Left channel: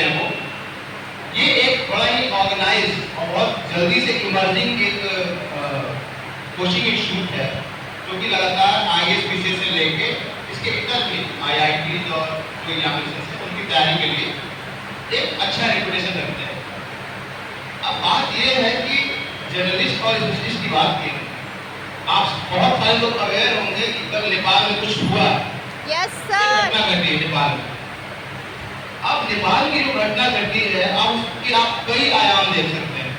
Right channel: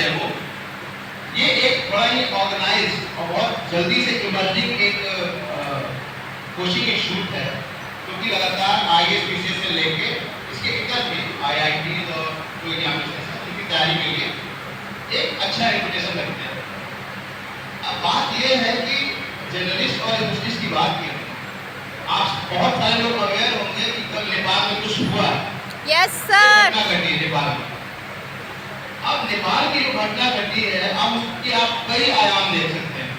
हैं वो, ये एक बड़ा ही ऑर्गेनाइज और बहुत जल्दी से इमर्जिंग एक कोचिंग इंस्टीट्यूट है जो कि लगातार IAS से लेके इसके इतर भी IIT और जो यहाँ पे उनकी तैयारी के लिए एक अच्छा रेपुटेशन रखते हैं। अब बात यह है कि जर्नलिस्ट और स्पेशलिस्ट की बात की, आप बहुत सारे लोग अवेयर होंगे कि कल नेपाल में कुछ हुआ। Yes sir. घटना घटी है नेपाल में। अब नेपाल की जो घटना घटी है, अब उसके आप कई आयाम देख सकते हैं।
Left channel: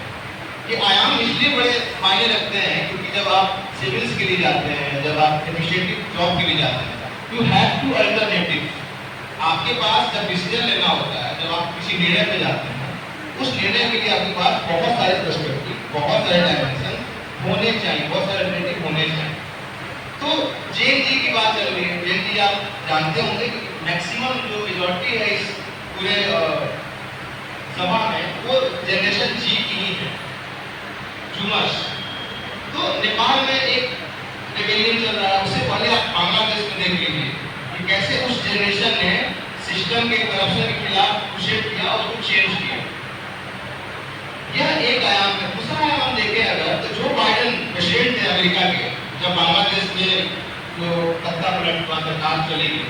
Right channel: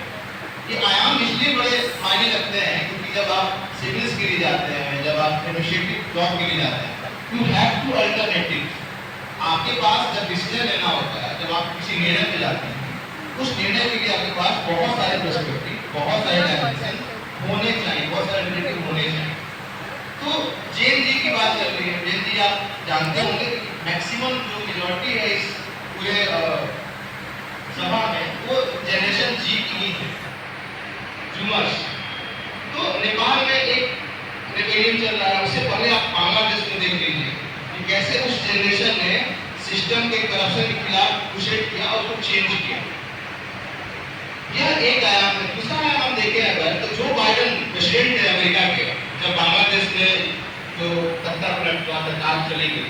ये आयाम इसलिए बड़े मायने रखते हैं क्योंकि जब आप सिविल्स के लिए जाते हैं, जब आप एडमिनिस्ट्रेटिव जॉब के लिए जाते हैं, यू हैव टू अल्टरनेटिव। आपके पास जब डिसीजन लेना होता है, जब आप किसी निर्णय पे जाते हैं, उस निर्णय के लिए आपके पास बहुत सारे पर्सपेक्टिव, बहुत सारे डायमेंशन होने चाहिए, बहुत सारे अल्टरनेटिव होने चाहिए। तो JNG की बात चल रही है। JNG आप जानते होंगे कि मैक्सिमम जो मेजॉरिटी है इस पूरे सभा में वो जनरेशन जी की ही है, जूमर्स। तो नेपाल में एक रेबेलियन चल रहा है, उससे पहले आप बांग्लादेश में देख लीजिए कि कैसे उस जनरेशन ने सिस्टम के करप्शन के खिलाफ क्रूसेड किया और उसको चेंज किया। यह एक आयाम है। दूसरा आयाम हम देखें अगर, तो जो बाइडेन प्रेसिडेंट थे अमेरिका के, जब बांग्लादेश में जो तख्ता पलट हुआ, सरकार चली गई,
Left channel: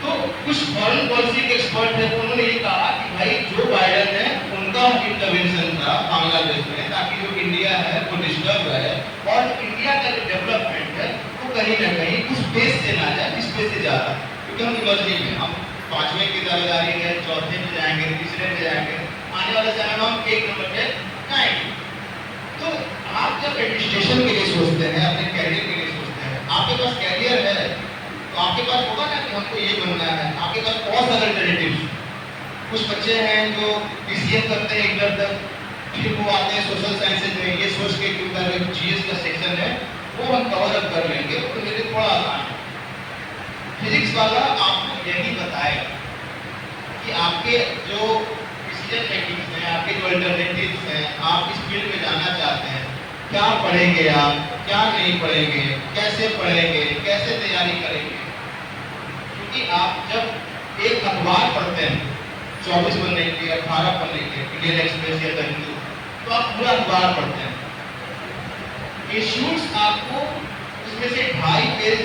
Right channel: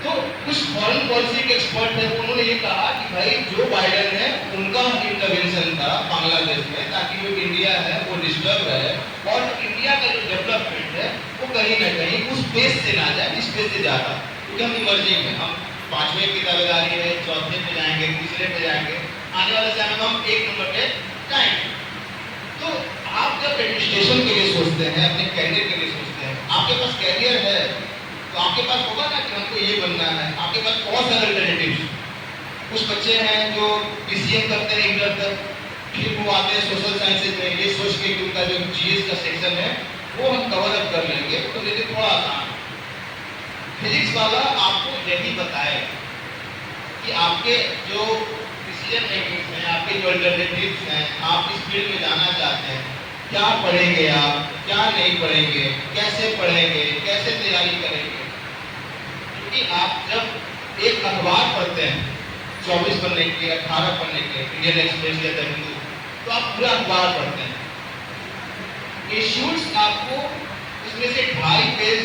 तो कुछ फॉरेन पॉलिसी के एक्सपर्ट थे, उन्होंने ये कहा कि भाई जो बाइडेन है उनका इंटरवेंशन था बांग्लादेश में, ताकि जो इंडिया है वो डिस्टर्ब रहे और इंडिया का जो डेवलपमेंट है वो कहीं ना कहीं उस बेस से ना जाए जिस बेस से जाता। क्योंकि हम इमर्जिंग है, हम 5वें की दावेदारी है, 4थे पे जाएंगे, 3रे पे जाएंगे, आने वाले समय में हम 1 नंबर पे जाएंगे। तो आप जब एडमिनिस्ट्रेशन के लिए सोचते हैं, अपने कैरियर के लिए सोचते हैं, आपके पास कैरियर है तो आपके पास होगा ना कि हमको ये बनना है, आपके पास बहुत सारे अल्टरनेटिव्स। कुछ बच्चे हैं जो PCM करते हैं इंटर तक, फिर वो आते हैं सोशल साइंसेज में, ये सोच के कि उनका जो GS का सेक्शन है वो हम कवर अप कर लेंगे, तो मेरे थोड़ा आसान है। फिजिक्स वाला आपको यही बताएगा कि आपके जो डिसीजन मेकिंग हैं, आपके जो अल्टरनेटिव्स हैं, आप इस फील्ड में जाना चाहते हैं, क्या पढ़ेंगे आप, क्या नहीं पढ़ेंगे, कैसे पढ़ेंगे, कैसे तैयारी करेंगे। क्योंकि आप जब एक अखबार पढ़ते हैं 24 पन्ने के, 18 पन्ने के, इंडियन एक्सप्रेस या द हिंदू, तो आप पूरा अखबार पढ़ते हैं। इश्यूज आपको उसमें से 2.5 पेज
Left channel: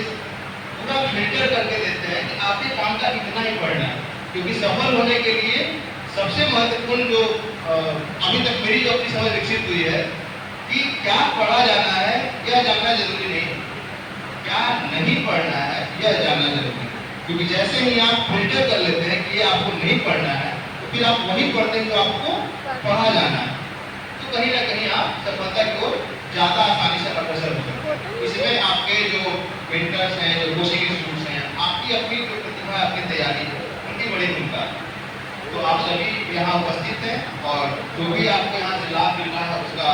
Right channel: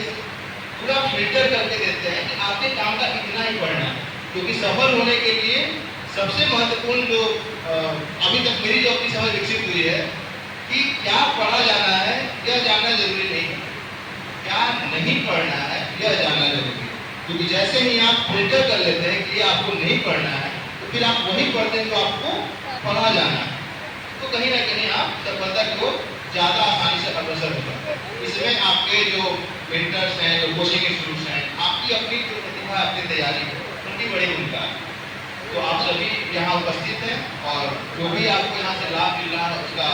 पूरा फिल्टर करके देते हैं कि आपके काम का इतना ही पढ़ना है। क्योंकि सफल होने के लिए सबसे महत्वपूर्ण जो अभी तक मेरी जो अपनी समझ विकसित हुई है कि क्या पढ़ा जाना है यह जानना जरूरी नहीं है, क्या नहीं पढ़ना है यह जानना जरूरी है। क्योंकि जैसे ही आप फिल्टर कर लेते हैं कि ये आपको नहीं पढ़ना है, तो फिर आप वही पढ़ते हैं जो आपको पढ़ा जाना है, तो कहीं ना कहीं आप सफलता की ओर ज़्यादा आसानी से अग्रसर हो सकते हैं। इसमें आपके जो मेंटर्स हैं, जो कोचिंग इंस्टीट्यूट्स हैं, आपकी अपनी जो प्रतिभा, आपकी तैयारी है, उनकी बड़ी भूमिका है। तो आप सभी यहाँ उपस्थित हैं और जो भी आपको यहाँ से लाभ मिल रहा है उसका